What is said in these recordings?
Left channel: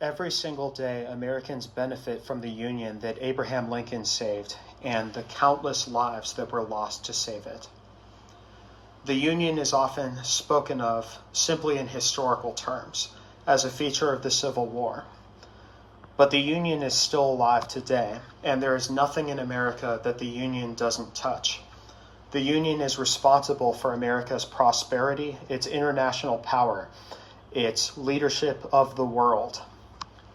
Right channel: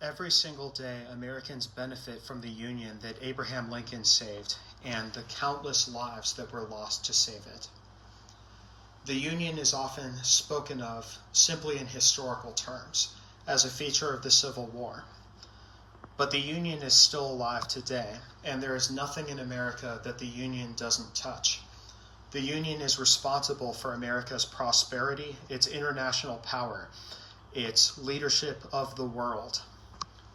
Every single day, Americans benefit from the Union that Abraham Lincoln saved and the countless lives that were lost to save it. The Union is often spoken of simply in historical terms, as a feature of the Civil War. But the Union is still alive today, and there is nothing in America that the Union doesn't touch. The Union is responsible for America's prosperity, its international power, its leadership of the world,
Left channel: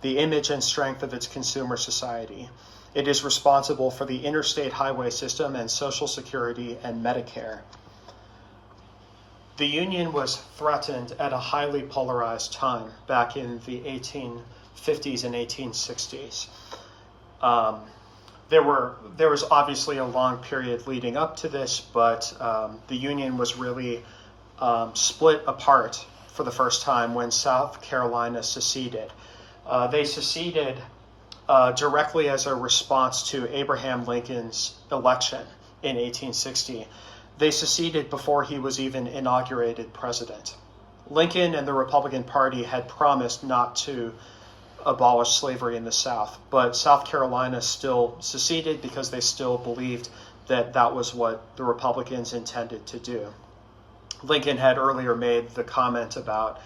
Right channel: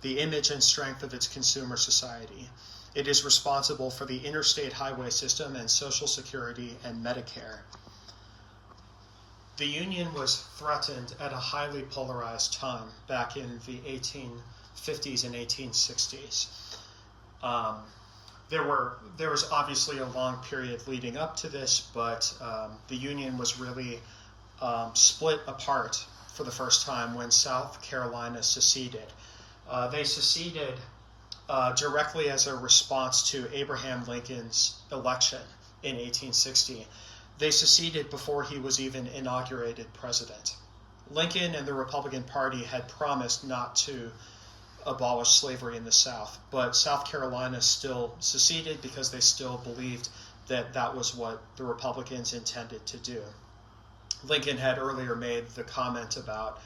the image and strength of its consumer society. It is responsible for the interstate highway system and Social Security and Medicare. The Union was threatened at a highly polarized time back in the 1850s and 1860s. There was obviously a long period leading up to this, but the Union was really split apart for the first time when South Carolina seceded. They seceded directly as a response to Abraham Lincoln's election in 1860. They seceded before he was even inaugurated president. Lincoln and the Republican Party had promised not to abolish slavery in the South, but South Carolina still seceded because they still believed that that was what the Republicans intended to do. Lincoln had earlier made the comment about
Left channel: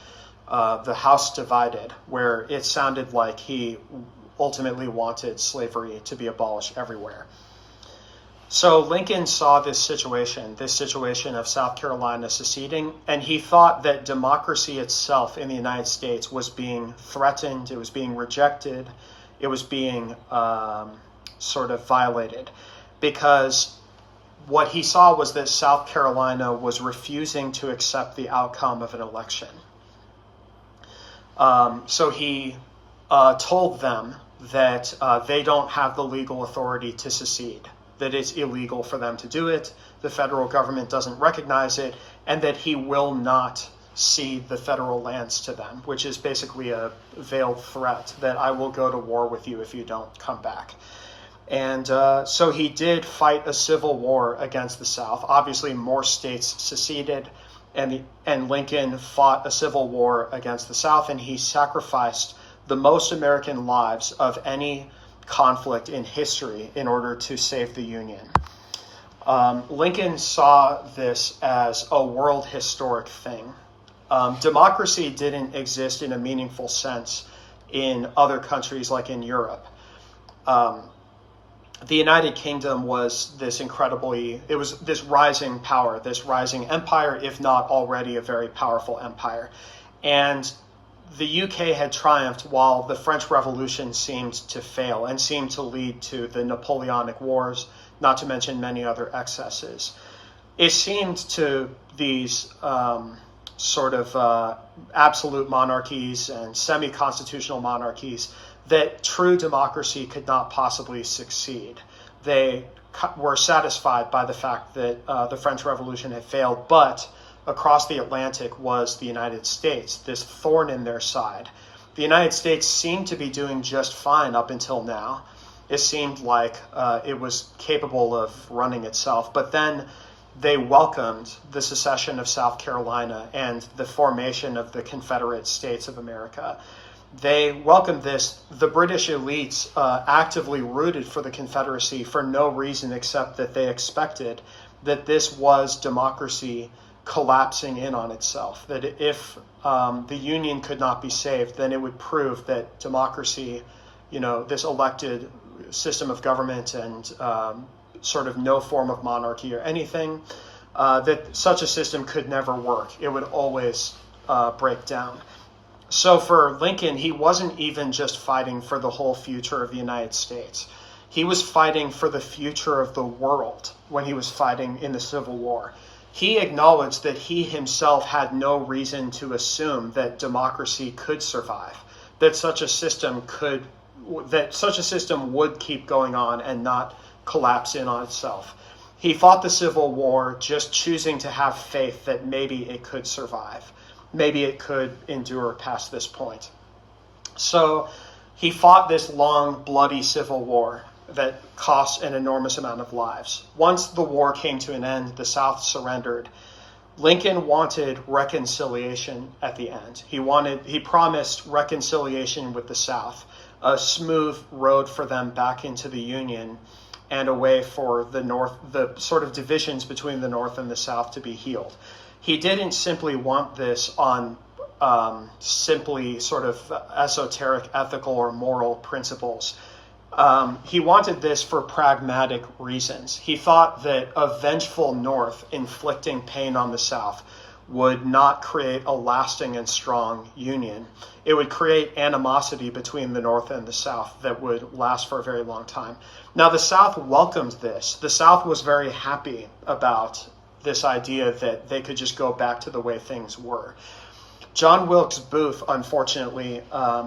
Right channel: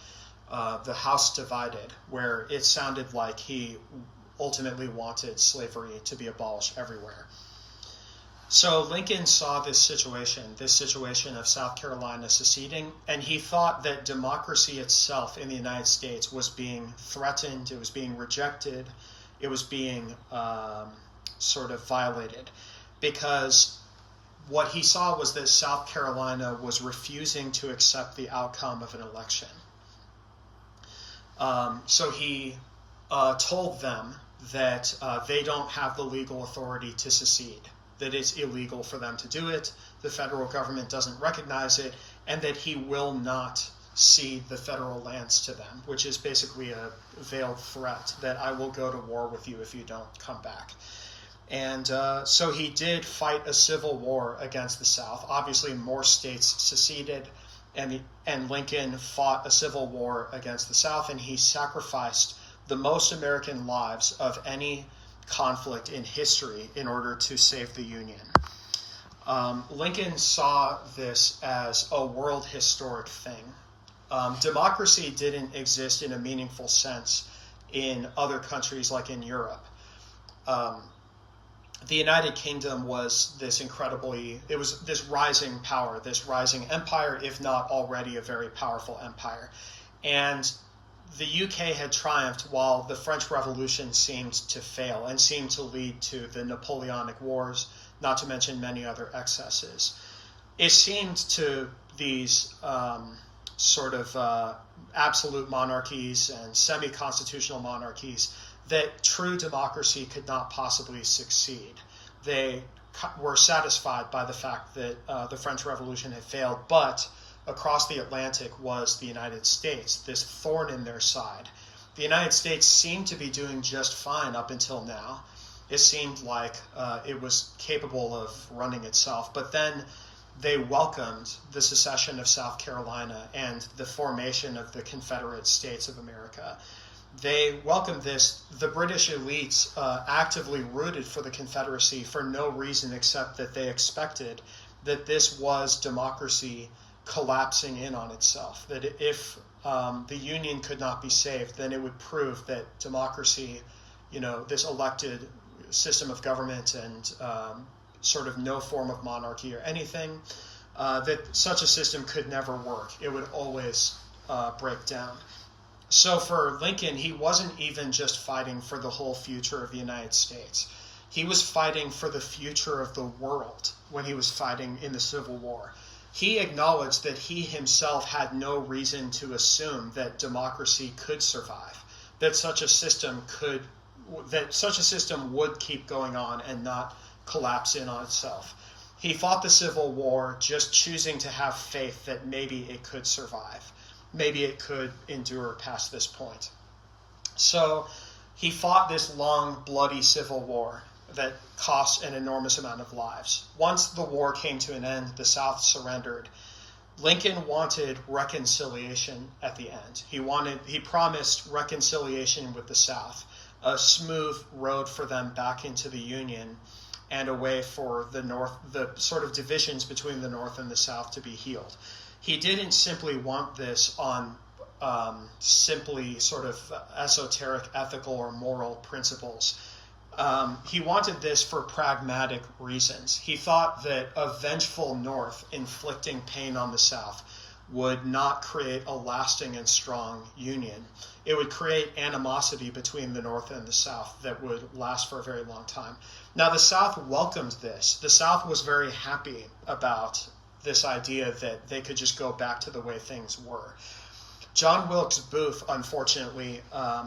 the House divided, where it sounded like he ultimately wanted slavery to be abolished everywhere. So Lincoln saw this situation of South Carolina seceding, and he thought that democracy itself in the United States was being threatened, it was being rejected, it was being sort of violated, because what he saw was that South Carolina was refusing to accept the outcome of an election. So he told them that they don't have the legal authority to secede, that it's illegal for them to do it, the federal government doesn't recognize it, and that he will not cede the federal lands to them, which is basically a veiled threat that I will go to war with you if you don't come back. And so he did fight a civil war against the South. Obviously, more states seceded, and Lincoln fought a civil war against the South, and he sacrificed the most American lives of any conflict in history in order to save the Union. Lincoln saw this as a world historic thing. Democracy didn't exist in a meaningful sense in other countries like in Europe. The United Kingdom was this rising power, this rising empire, if not already a very powerful empire. And the UK had triumphed while the French Revolution seemed to fail and seemed to lead to the Napoleonic Wars, not to mention many other excesses. It seemed to these absolute monarchies and semi-constitutional monarchies that true democracy could not possibly succeed. They were satisfied by the fact that the French Revolution had failed, but across the Atlantic was the United States, this thorn in their side. The United States seemed to be doing just fine up until now. It seemed like it was capable of running itself, but then they welcomed the secession of South Carolina and the formation of the Confederate States of America. They welcomed this. The British elites actively rooted for the Confederacy for no reason except that they expected that this was democracy collapsing in on itself, that if the Union could not be saved, then it would prove that democracy, this elected system of government and sort of no form of monarchy or anything, that such a system could never work. It would always break down. So for Lincoln, he wasn't even just fighting for the whole future of the United States. He was fighting for the future of the world when he was fighting in the Civil War. He acknowledged that he himself had no reason to assume that democracy could survive, that such a system would keep going on and not collapse in on itself. He fought the Civil War just choosing to have faith that maybe it could survive. Maybe it could endure past this point. So he fought this long, bloody Civil War that cost an enormous amount of lives. Once the war came to an end, the South surrendered. Lincoln wanted reconciliation at the end. He promised reconciliation with the South, a smooth road for them back into the Union, and a way for the North, the sort of divisions between the North and the South, to be healed. He didn't simply want this on simply sort of esoteric ethical or moral principles. He wanted this for pragmatic reasons. He thought that a vengeful North inflicting pain on the South would not create a lasting and strong union. It would create animosity between the North and the South that would last for a very long time. Now, the South welcomed this. The South was very happy about this idea that they could just go back to the way things were. John Wilkes Booth, unfortunately,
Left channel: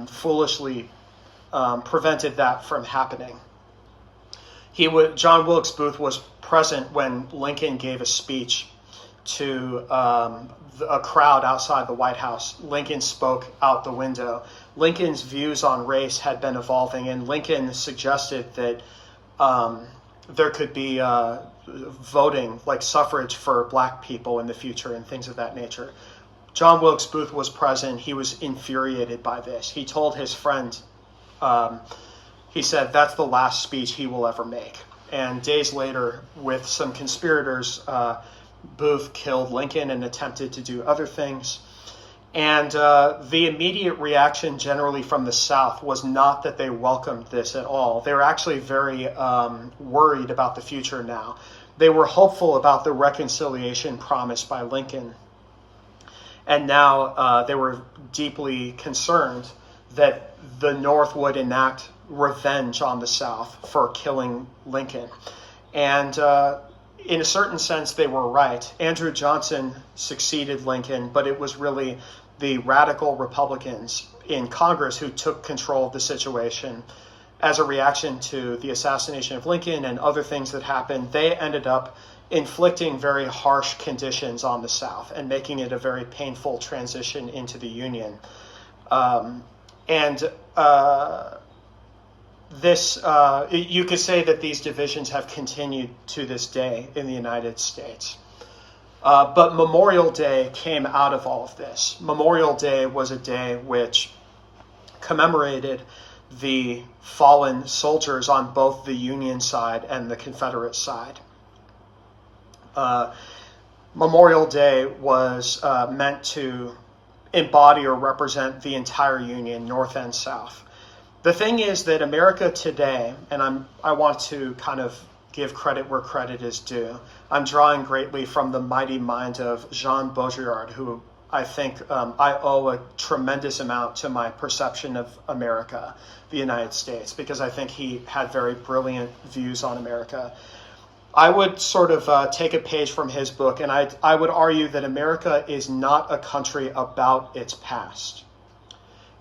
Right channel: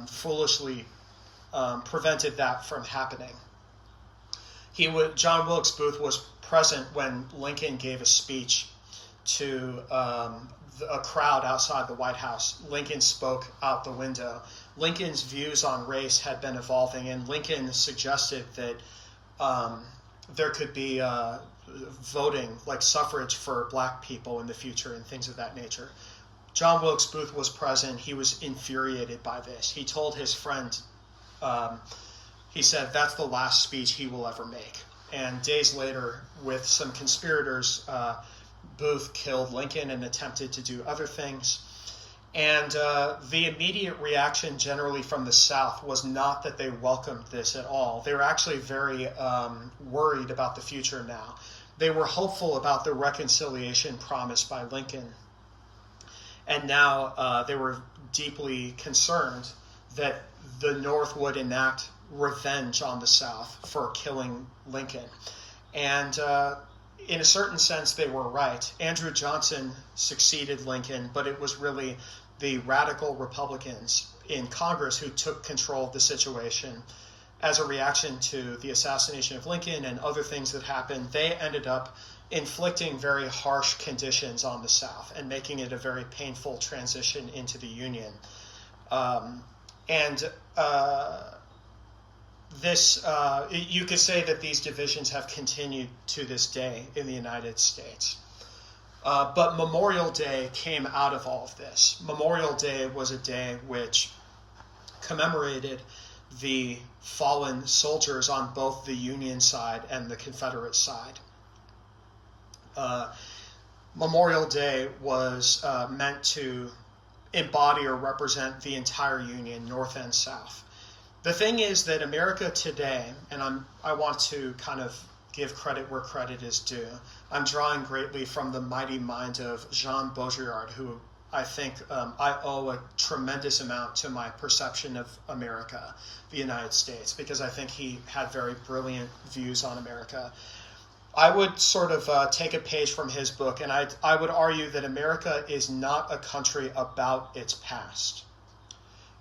foolishly prevented that from happening. John Wilkes Booth was present when Lincoln gave a speech to a crowd outside the White House. Lincoln spoke out the window. Lincoln's views on race had been evolving, and Lincoln suggested that there could be voting, like suffrage for black people in the future and things of that nature. John Wilkes Booth was present. He was infuriated by this. He told his friend, he said, that's the last speech he will ever make. And days later, with some conspirators, Booth killed Lincoln and attempted to do other things. And the immediate reaction generally from the South was not that they welcomed this at all. They were actually very worried about the future now. They were hopeful about the reconciliation promised by Lincoln. And now they were deeply concerned that the North would enact revenge on the South for killing Lincoln. And in a certain sense, they were right. Andrew Johnson succeeded Lincoln, but it was really the radical Republicans in Congress who took control of the situation as a reaction to the assassination of Lincoln and other things that happened. They ended up inflicting very harsh conditions on the South and making it a very painful transition into the Union. You could say that these divisions have continued to this day in the United States. But Memorial Day came out of all of this. Memorial Day was a day which commemorated the fallen soldiers on both the Union side and the Confederate side. Memorial Day was meant to embody or represent the entire Union, North and South. The thing is that America today, and I want to kind of give credit where credit is due. I'm drawing greatly from the mighty mind of Jean Baudrillard, who I think I owe a tremendous amount to my perception of America, the United States, because I think he had very brilliant views on America. I would sort of take a page from his book, and I would argue that America is not a country about its past.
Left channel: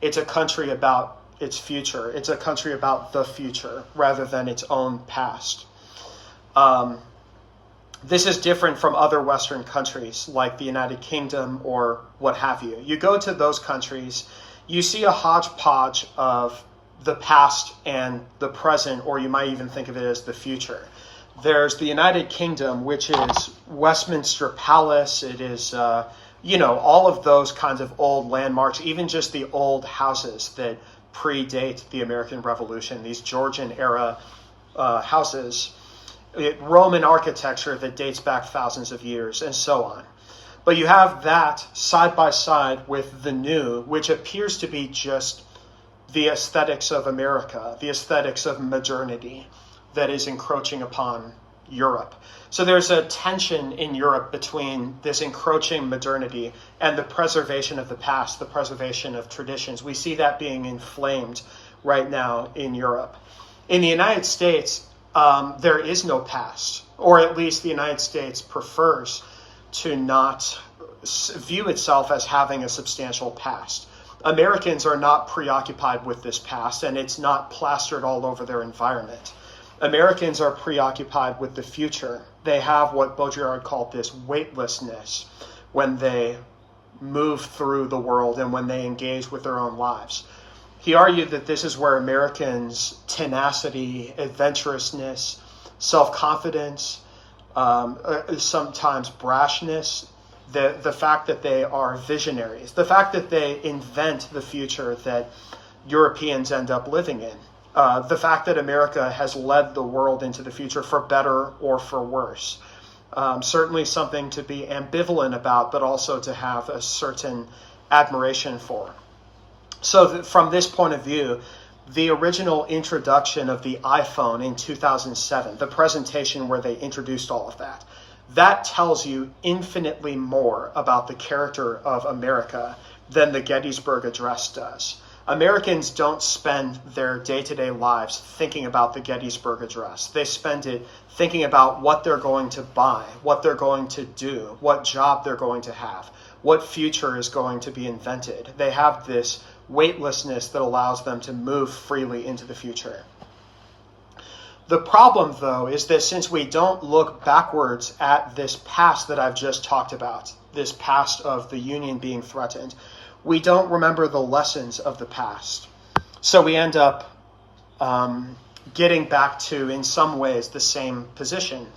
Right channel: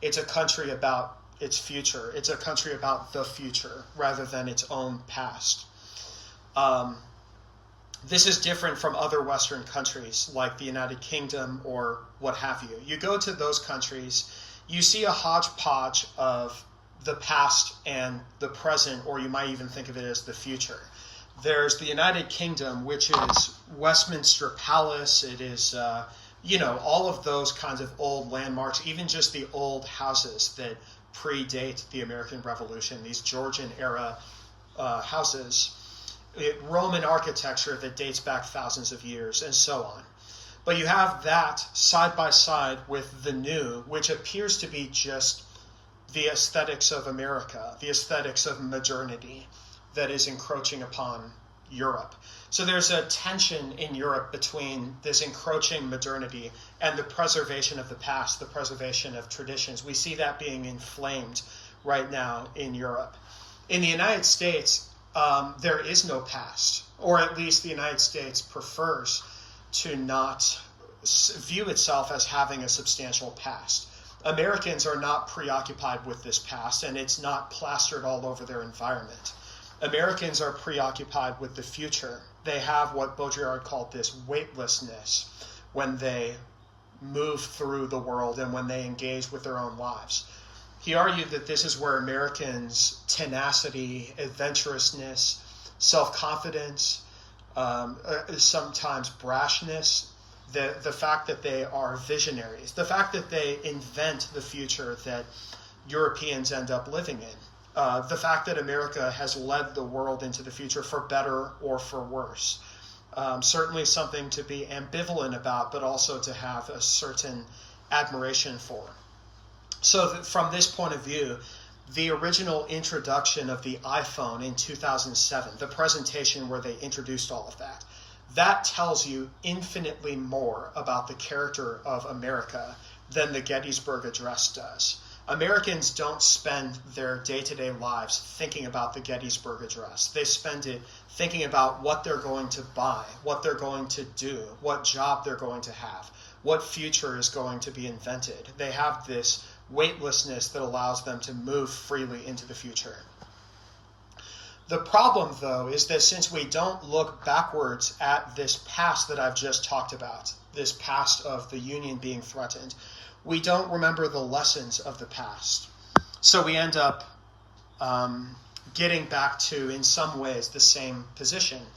It's a country about its future. It's a country about the future rather than its own past. This is different from other Western countries like the United Kingdom or what have you. You go to those countries, you see a hodgepodge of the past and the present, or you might even think of it as the future. There's the United Kingdom, which is Westminster Palace. It is, all of those kinds of old landmarks, even just the old houses that predate the American Revolution, these Georgian-era houses, Roman architecture that dates back thousands of years, and so on. But you have that side by side with the new, which appears to be just the aesthetics of America, the aesthetics of modernity that is encroaching upon Europe. So there's a tension in Europe between this encroaching modernity and the preservation of the past, the preservation of traditions. We see that being inflamed right now in Europe. In the United States, there is no past, or at least the United States prefers to not view itself as having a substantial past. Americans are not preoccupied with this past, and it's not plastered all over their environment. Americans are preoccupied with the future. They have what Baudrillard called this weightlessness when they move through the world and when they engage with their own lives. He argued that this is where Americans' tenacity, adventurousness, self-confidence, sometimes brashness, the fact that they are visionaries, the fact that they invent the future that Europeans end up living in, the fact that America has led the world into the future for better or for worse. Certainly something to be ambivalent about, but also to have a certain admiration for. So from this point of view, the original introduction of the iPhone in 2007, the presentation where they introduced all of that, that tells you infinitely more about the character of America than the Gettysburg Address does. Americans don't spend their day-to-day lives thinking about the Gettysburg Address. They spend it thinking about what they're going to buy, what they're going to do, what job they're going to have, what future is going to be invented. They have this weightlessness that allows them to move freely into the future. The problem, though, is that since we don't look backwards at this past that I've just talked about, this past of the Union being threatened, we don't remember the lessons of the past. So we end up getting back to, in some ways, the same position.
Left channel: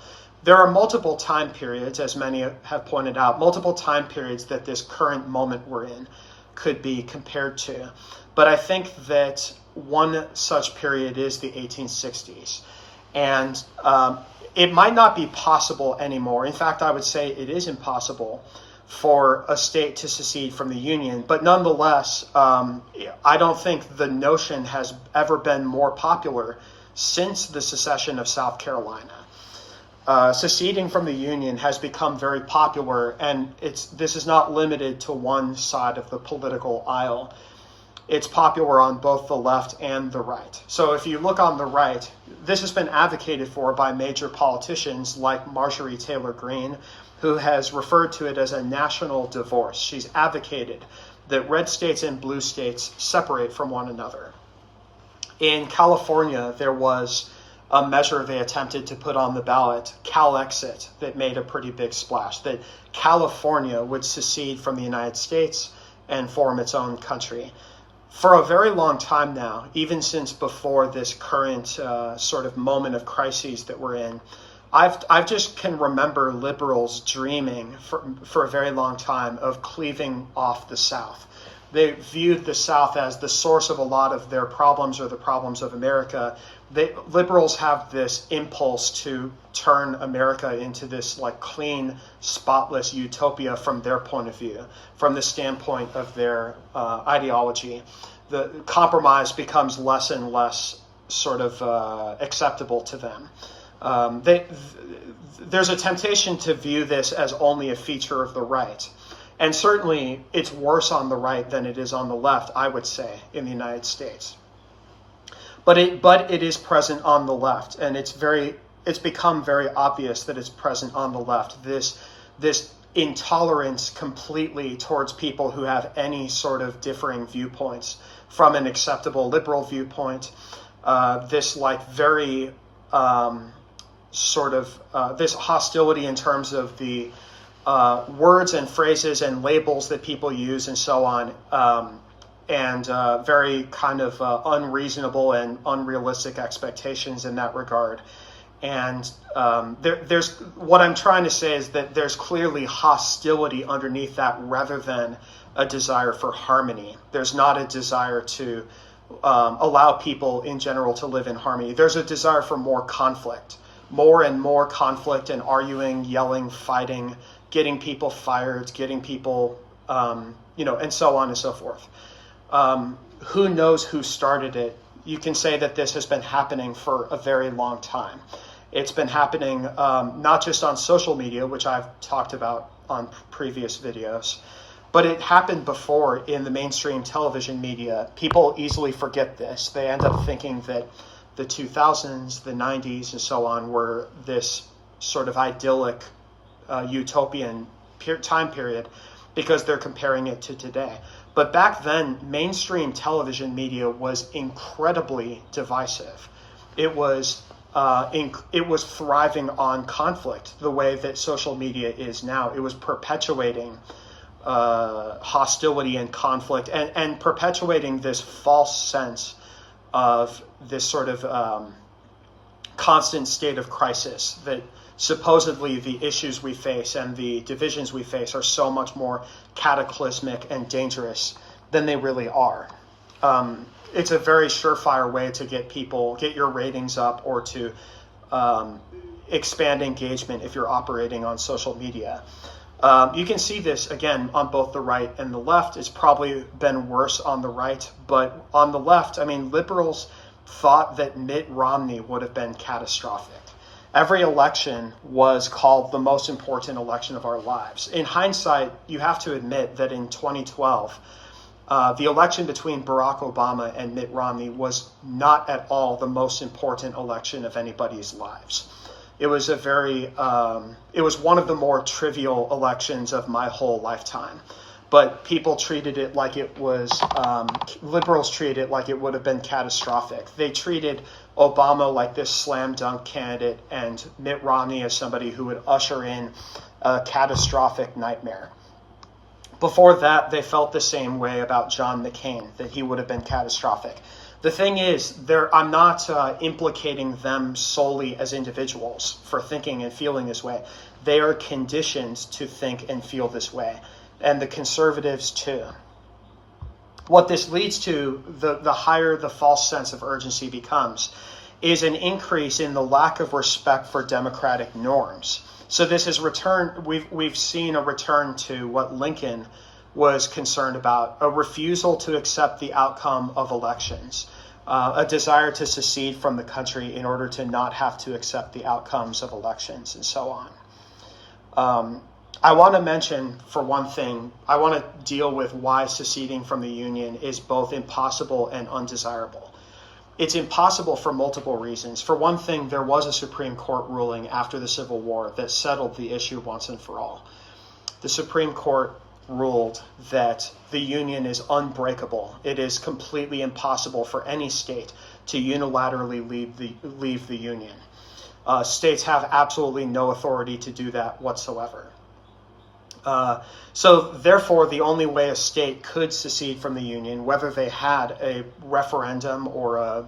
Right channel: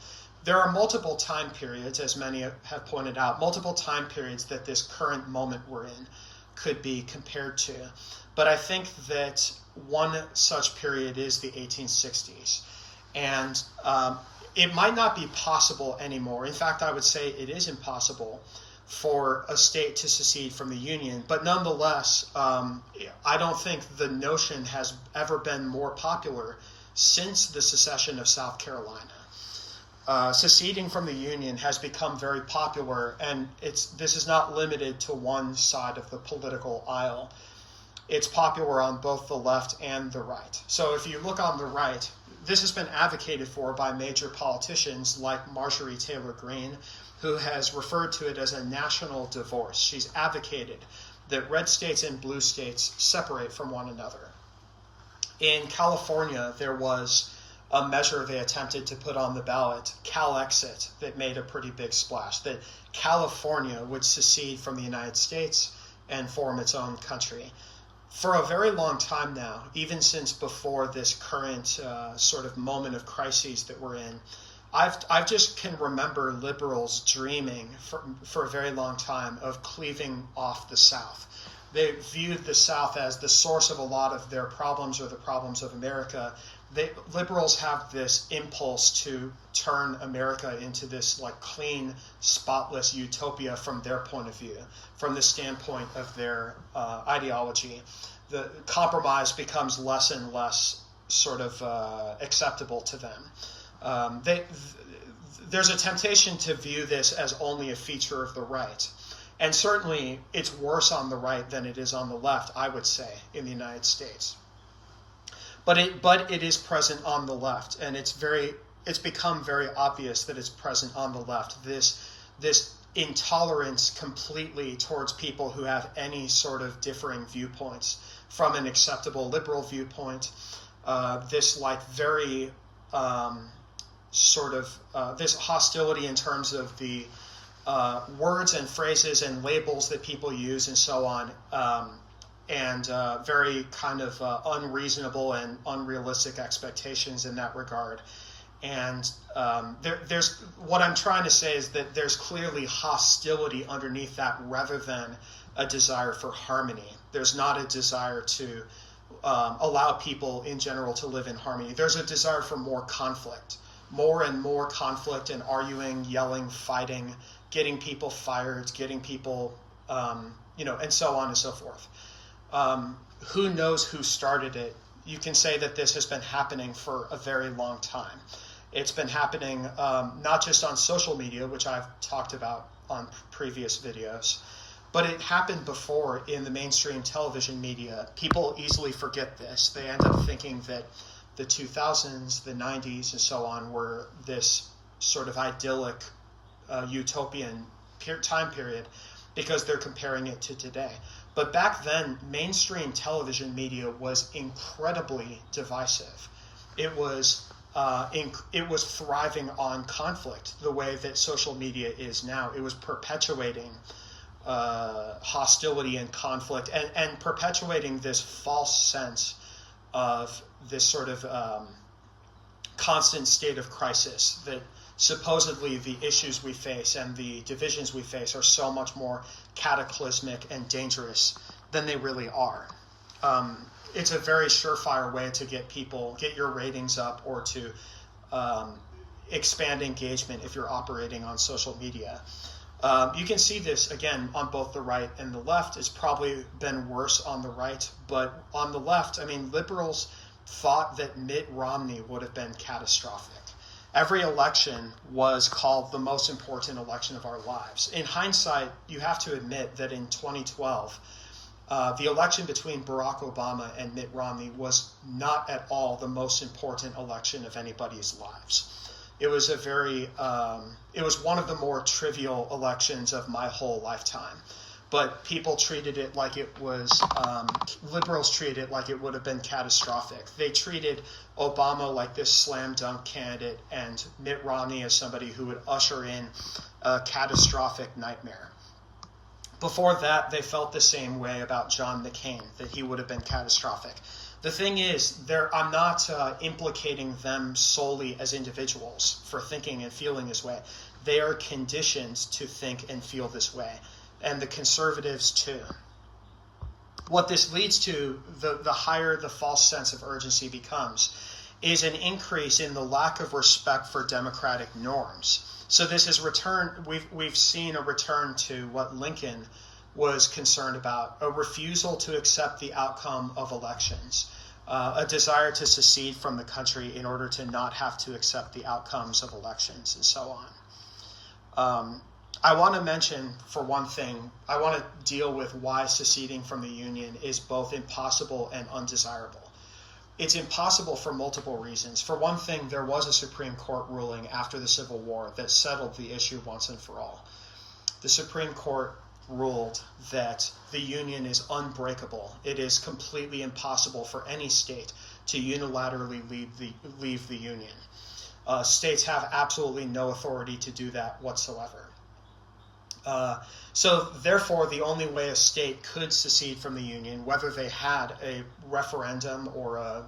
There are multiple time periods, as many have pointed out, multiple time periods that this current moment we're in could be compared to. But I think that one such period is the 1860s. And it might not be possible anymore. In fact, I would say it is impossible for a state to secede from the Union. But nonetheless, I don't think the notion has ever been more popular since the secession of South Carolina. Seceding from the Union has become very popular, and this is not limited to one side of the political aisle. It's popular on both the left and the right. So if you look on the right, this has been advocated for by major politicians like Marjorie Taylor Greene, who has referred to it as a national divorce. She's advocated that red states and blue states separate from one another. In California, there was a measure they attempted to put on the ballot, CalExit, that made a pretty big splash, that California would secede from the United States and form its own country. For a very long time now, even since before this current sort of moment of crises that we're in, I've just can remember liberals dreaming for a very long time of cleaving off the South. They viewed the South as the source of a lot of their problems or the problems of America. Liberals have this impulse to turn America into this like clean, spotless utopia from their point of view, from the standpoint of their ideology. The compromise becomes less and less sort of acceptable to them. There's a temptation to view this as only a feature of the right. And certainly it's worse on the right than it is on the left, I would say, in the United States. But it is present on the left, and it's become very obvious that it's present on the left. This intolerance completely towards people who have any sort of differing viewpoints from an acceptable liberal viewpoint. This like very this hostility in terms of the words and phrases and labels that people use and so on, and very kind of unreasonable and unrealistic expectations in that regard. And there's what I'm trying to say is that there's clearly hostility underneath that rather than a desire for harmony. There's not a desire to allow people in general to live in harmony. There's a desire for more conflict, more and more conflict and arguing, yelling, fighting, getting people fired, getting people, and so on and so forth. Who knows who started it? You can say that this has been happening for a very long time. It's been happening not just on social media, which I've talked about on previous videos, but it happened before in the mainstream television media. People easily forget this. They end up thinking that the 2000s, the 90s, and so on were this sort of idyllic utopian time period because they're comparing it to today. But back then, mainstream television media was incredibly divisive. It was thriving on conflict the way that social media is now. It was perpetuating hostility and conflict and perpetuating this false sense of this sort of constant state of crisis supposedly the issues we face and the divisions we face are so much more cataclysmic and dangerous than they really are. It's a very surefire way to get your ratings up, or to expand engagement if you're operating on social media. You can see this again on both the right and the left. It's probably been worse on the right, but on the left, I mean, liberals thought that Mitt Romney would have been catastrophic. Every election was called the most important election of our lives. In hindsight, you have to admit that in 2012, the election between Barack Obama and Mitt Romney was not at all the most important election of anybody's lives. It was it was one of the more trivial elections of my whole lifetime. But people treated it like it was, liberals treated it like it would have been catastrophic. They treated Obama like this slam dunk candidate and Mitt Romney as somebody who would usher in a catastrophic nightmare. Before that, they felt the same way about John McCain, that he would have been catastrophic. The thing is, I'm not implicating them solely as individuals for thinking and feeling this way. They are conditioned to think and feel this way, and the conservatives too. What this leads to, the higher the false sense of urgency becomes, is an increase in the lack of respect for democratic norms. So this is we've seen a return to what Lincoln was concerned about, a refusal to accept the outcome of elections, a desire to secede from the country in order to not have to accept the outcomes of elections, and so on. I want to mention, for one thing, I want to deal with why seceding from the Union is both impossible and undesirable. It's impossible for multiple reasons. For one thing, there was a Supreme Court ruling after the Civil War that settled the issue once and for all. The Supreme Court ruled that the Union is unbreakable. It is completely impossible for any state to unilaterally leave the Union. States have absolutely no authority to do that whatsoever. So therefore, the only way a state could secede from the Union, whether they had a referendum or a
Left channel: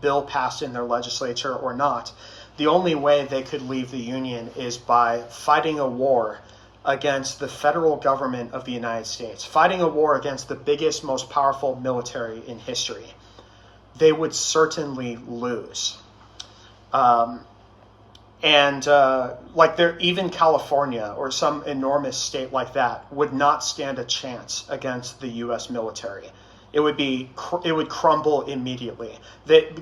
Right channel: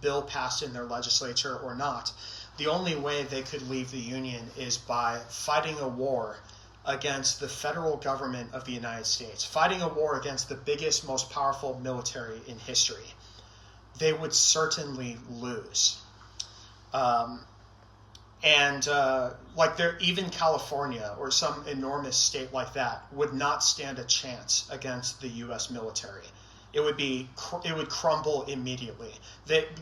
bill passed in their legislature or not, the only way they could leave the Union is by fighting a war against the federal government of the United States, fighting a war against the biggest, most powerful military in history. They would certainly lose. Even California or some enormous state like that would not stand a chance against the U.S. military. It would crumble immediately.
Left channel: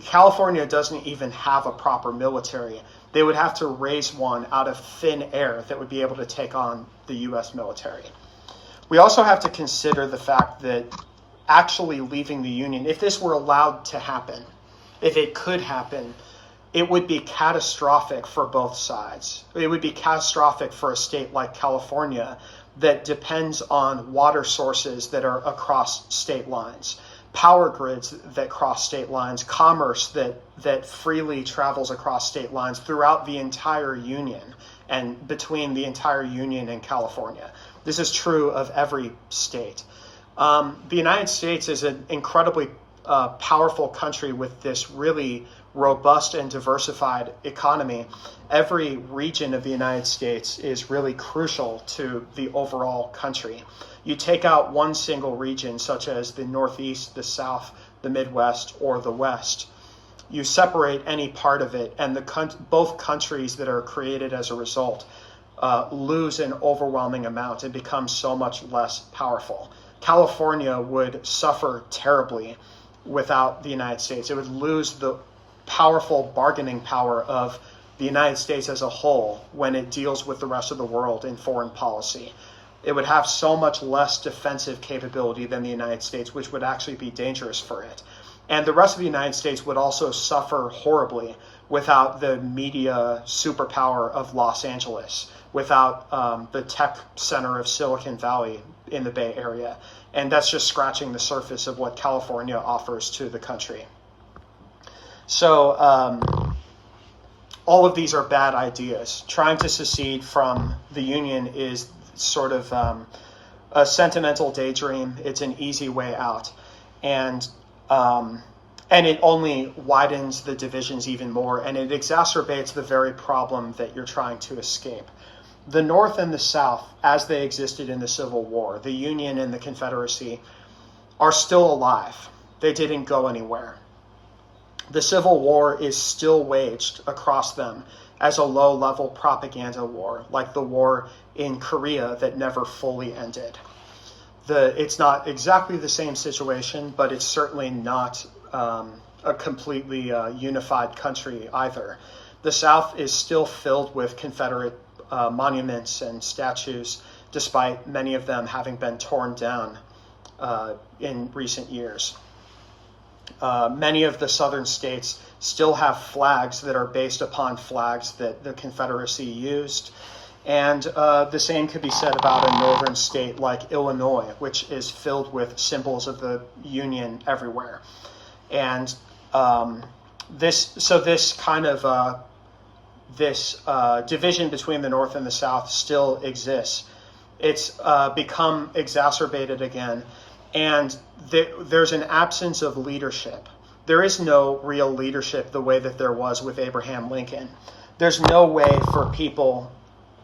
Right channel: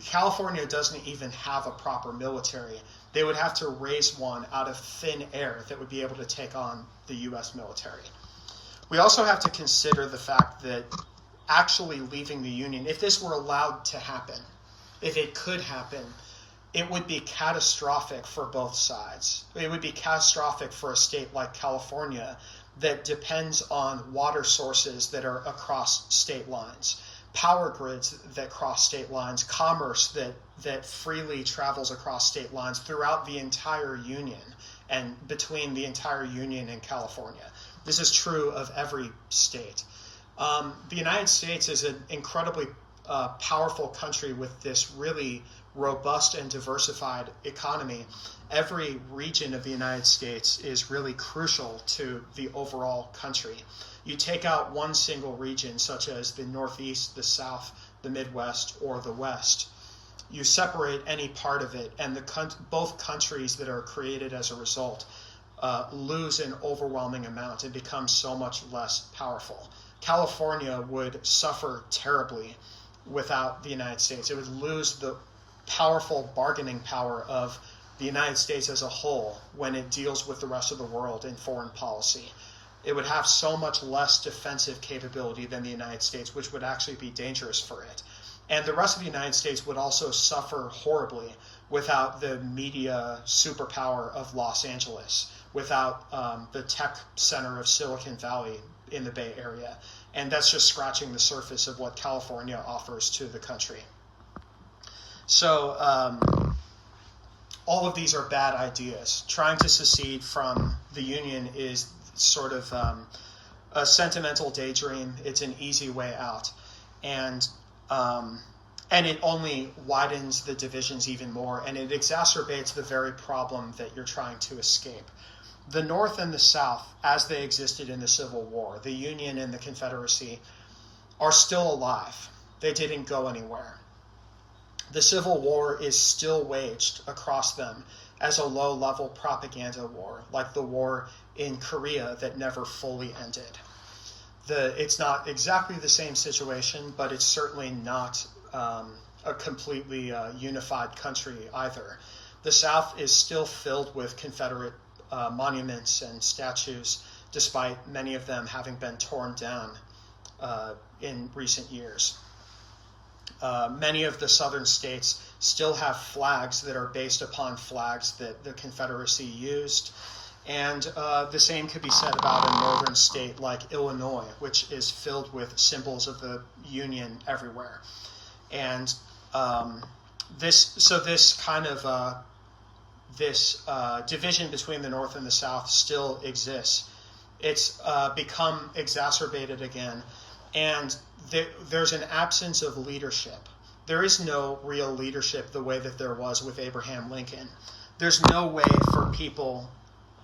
California doesn't even have a proper military. They would have to raise one out of thin air that would be able to take on the U.S. military. We also have to consider the fact that actually leaving the Union, if this were allowed to happen, if it could happen, it would be catastrophic for both sides. It would be catastrophic for a state like California that depends on water sources that are across state lines, power grids that cross state lines, commerce that freely travels across state lines throughout the entire Union and between the entire Union and California. This is true of every state. The United States is an incredibly powerful country with this really robust and diversified economy. Every region of the United States is really crucial to the overall country. You take out one single region, such as the Northeast, the South, the Midwest, or the West. You separate any part of it, and both countries that are created as a result lose an overwhelming amount and become so much less powerful. California would suffer terribly without the United States. It would lose the powerful bargaining power of the United States as a whole when it deals with the rest of the world in foreign policy. It would have so much less defensive capability than the United States, which would actually be dangerous for it. And the rest of the United States would also suffer horribly without the media superpower of Los Angeles, without the tech center of Silicon Valley in the Bay Area. And that's just scratching the surface of what California offers to the country. So all of these are bad ideas. Trying to secede from the Union is sort of a sentimental daydream. It's an easy way out. And And it only widens the divisions even more, and it exacerbates the very problem that you're trying to escape. The North and the South, as they existed in the Civil War, the Union and the Confederacy, are still alive. They didn't go anywhere. The Civil War is still waged across them as a low-level propaganda war, like the war in Korea that never fully ended. It's not exactly the same situation, but it's certainly not a completely unified country either. The South is still filled with Confederate monuments and statues, despite many of them having been torn down in recent years. Many of the southern states still have flags that are based upon flags that the Confederacy used. And the same could be said about a northern state like Illinois, which is filled with symbols of the Union everywhere. And this division between the North and the South still exists. It's become exacerbated again, and there's an absence of leadership. There is no real leadership the way that there was with Abraham Lincoln. There's no way for people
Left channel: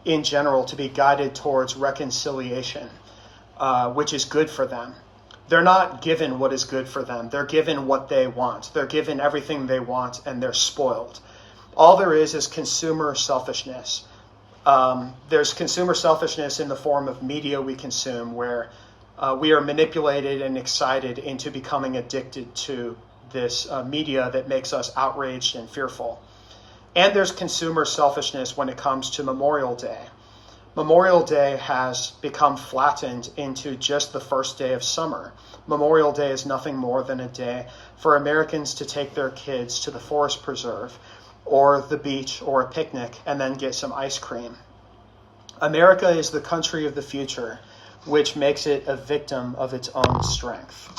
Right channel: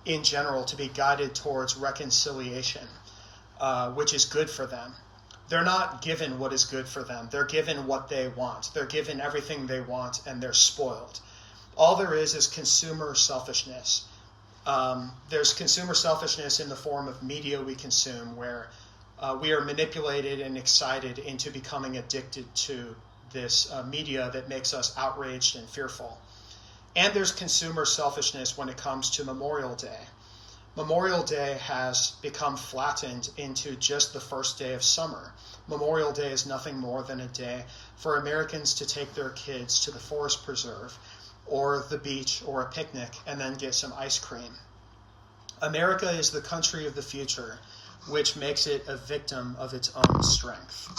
in general to be guided towards reconciliation, which is good for them. They're not given what is good for them. They're given what they want. They're given everything they want, and they're spoiled. All there is consumer selfishness. There's consumer selfishness in the form of media we consume, where we are manipulated and excited into becoming addicted to this media that makes us outraged and fearful. And there's consumer selfishness when it comes to Memorial Day. Memorial Day has become flattened into just the first day of summer. Memorial Day is nothing more than a day for Americans to take their kids to the forest preserve or the beach or a picnic and then get some ice cream. America is the country of the future, which makes it a victim of its own strength.